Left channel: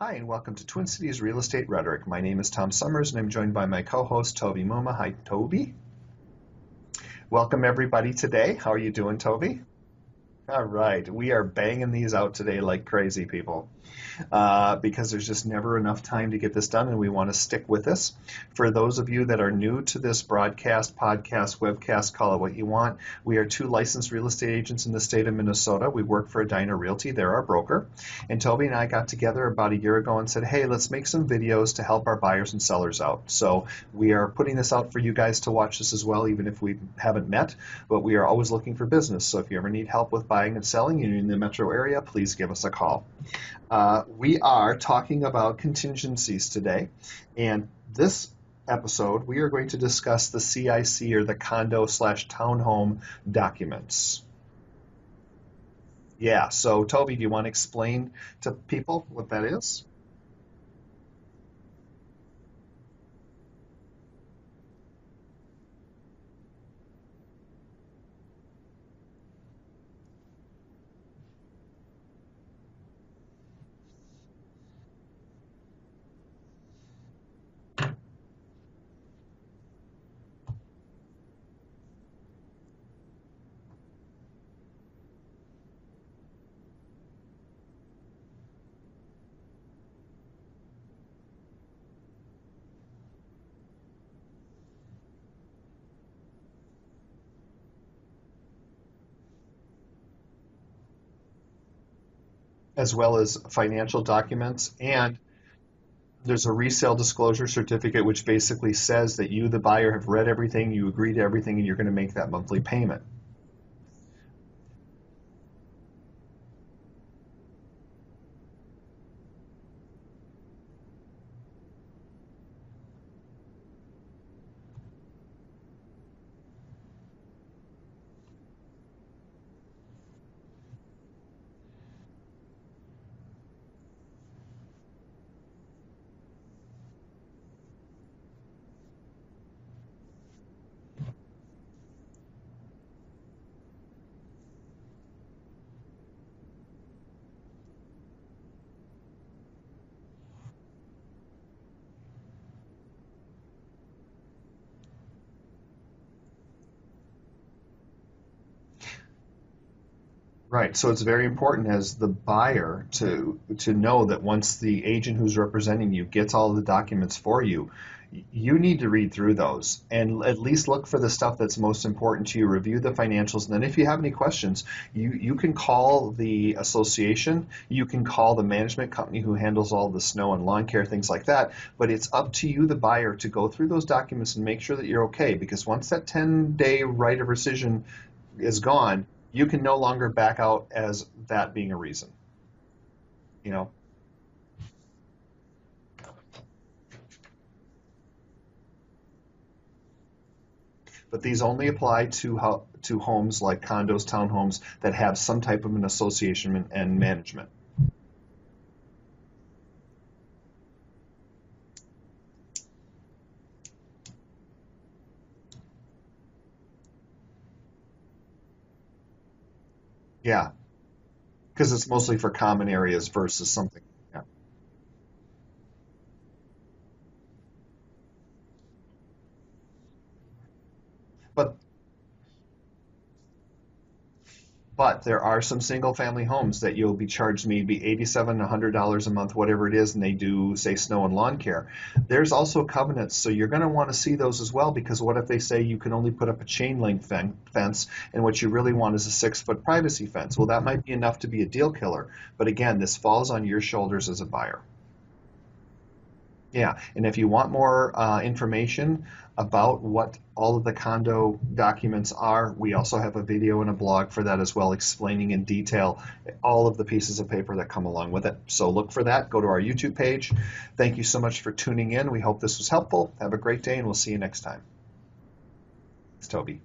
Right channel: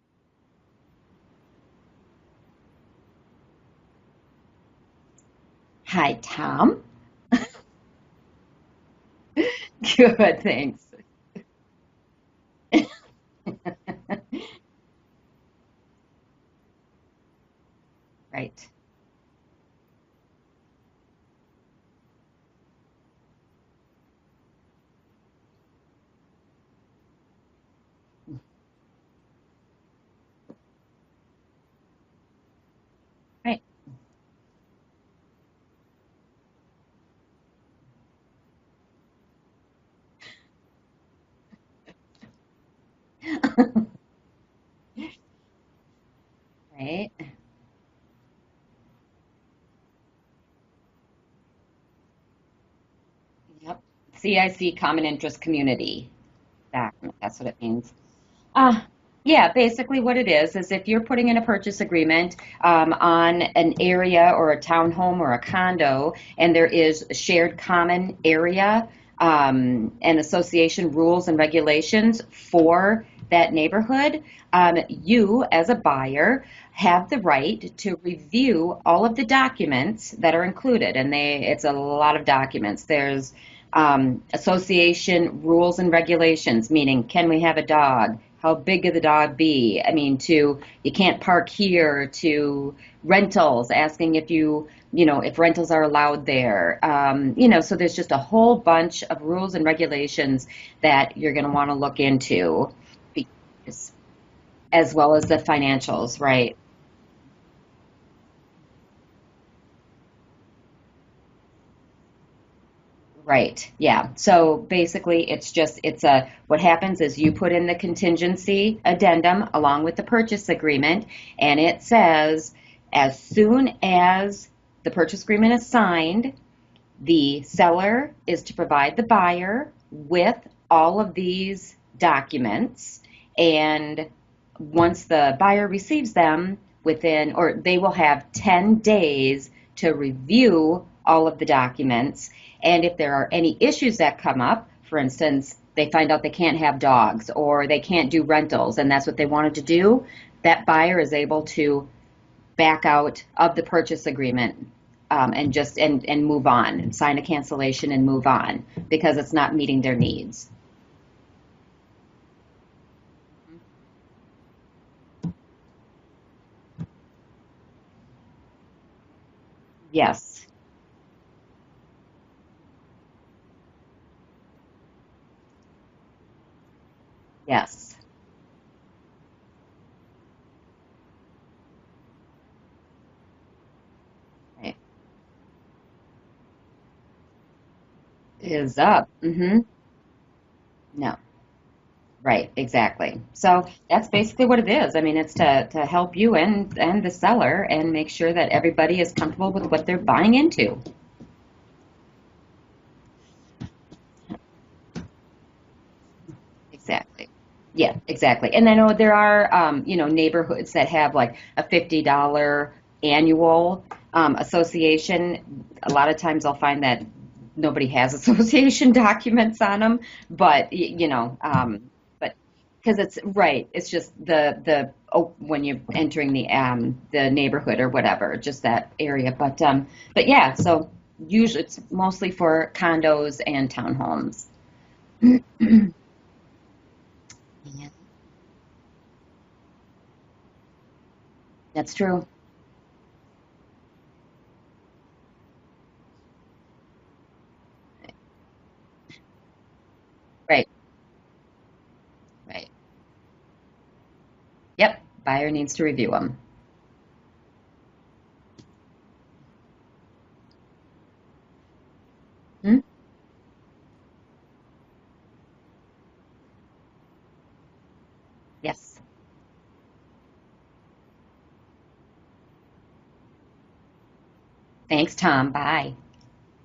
Hi, and welcome to Twin Cities Real Estate Rhetoric. My name is Tom Sommers, and I'm joined by my co-host, Toby Muma. Hi, Toby. Hi, Tom. Welcome, everybody, today. How are you doing, Toby? Good, All thanks. right. We are banging these out today like crazy, people, because there's just never enough time to get this done, and we want to stick with this. Right. For those of you that are new to this broadcast, podcast, webcast, call it what you want, we are two licensed real estate agents in the state of Minnesota. We work for Edina Realty. They're our broker. And Toby and I got together about a year ago and said, hey, let's make some videos to help our buyers and sellers out. Right. So we are putting this out for you guys to watch this as well, even if we haven't met, but we are always looking for business. So if you ever need help with buying and selling and you're in the metro area, please give us a call. We are talking about contingencies today, Right. and this episode we are going to discuss the CIC, or the condo/townhome documents. CIC, Common Interest Community. Yeah, so Toby, do you That's want what to it means. explain to Um, people what yeah, that is? basically what it is if you're putting in a purchase agreement on an area or a townhome or a condo, and there is a shared common area and association rules and regulations for that neighborhood, you as a buyer have the right to review all of the documents that are included, and it's a lot of documents. There's association rules and regulations, meaning can we have a dog? How big could the dog be? I mean, to you can't park here, to rentals, asking if rentals are allowed there. So there's just a whole bunch of rules and regulations that you're going to want to look into, As well as financial documents, as well and as the financials, there's a right? resale disclosure certificate which basically says that you, the buyer, have read everything, you agree to everything, and you're going to make that monthly payment. Right. Yeah. So basically, what happens is you put in the contingency addendum along with the purchase agreement, and it says as soon as the purchase agreement is signed, the seller is to provide the buyer with all of these documents, and once the buyer receives them, they will have 10 days to review all of the documents. And if there are any issues that come up, for instance, they find out they can't have dogs or they can't do rentals, and that's what they wanted to do, that buyer is able to back out of the purchase agreement, and move on and sign a cancellation and move on because it's not meeting their needs. Right. So it's very important as the buyer to know that once the agent who's representing you gets all of the documents for you, you need to read through those and at Yes. least look for the stuff that's most important to you, review the financials, and then if you have any questions, you can call the association, you Yes. can call the management company who handles all the snow and lawn care, things like that, but it's up to you, the buyer, to go through those documents and make sure It that you're okay, because once that 10-day right of rescission is is gone, up. you can no longer back out as No. that being a reason. Right, exactly. Yeah. So that's basically what it is. I mean, it's to help you and the seller and make sure that everybody is comfortable with what they're buying into. But these only apply to homes like condos, townhomes that have some type of an association and Exactly. management. Yeah, exactly. And I know there are, neighborhoods that have like a $50 annual association. A lot of times I'll find that nobody has association documents on them, Yeah, but because it's mostly for but common because areas it's versus right, some. it's just Yeah. when you're entering the neighborhood or whatever, just that area. But yeah, so But usually it's mostly for condos and townhomes. But there are some single family homes that you'll be charged maybe 87, $100 a month, whatever it is, and they do, say, snow and lawn care. That's true. There's also covenants, so you're going to want to see those as well, because what if they say you can only put up a chain link fence, and what you really want is a 6-foot privacy fence? Well, that Right. might be enough to be a deal killer. But Right. again, this falls on your shoulders as a buyer. Yep. Buyer needs to review them. Yeah, and if you want more information about what all of the condo documents are, we also have a video and a blog for that as well, explaining in detail all of the pieces of paper that come along with it. So look Yes. for that. Go to our YouTube page. Thank you so much for tuning in. We hope this was helpful. Have a great day, and we'll see you next time. Thanks, Tom. Bye. It's Toby.